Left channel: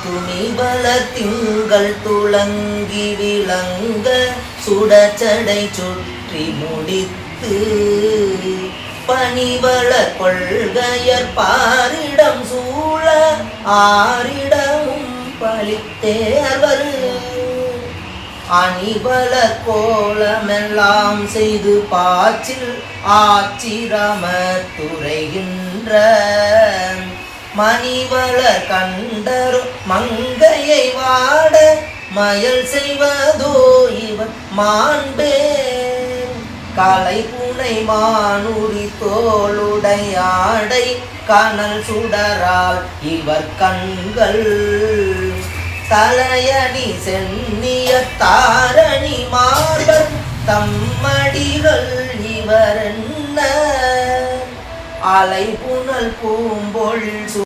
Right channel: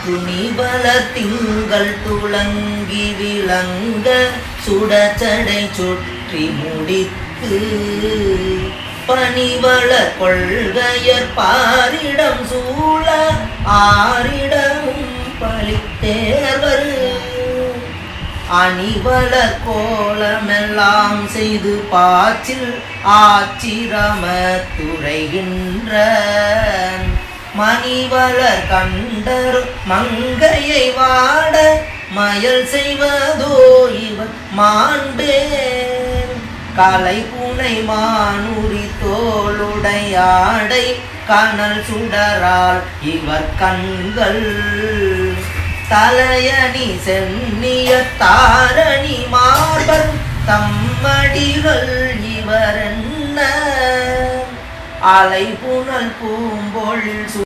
துணிபல திங்கள் துளங்கி விளங்க சுடச்சடை சுற்றி முடித்து பனிவள கொள்கையர் பாரிடம் சூழ ஆரிடம் பழித்தேவர் அணிவள கோலமெல்லாம் செய்து பாச்சில் ஆச்சிரம துறைகின்ற மணிவள கண்டர் மங்கையை வாட மயல் செய்வதோ இவன் மாண்டே கலை புனை மானுரி ஆடை கனல் சுடரால் இவர் கண்கள். தலையணி சென்னிய தாரணி மார்பர் தம்மடிகள் இவர் என்ன அலை புனல் பூம்பொழில் சு-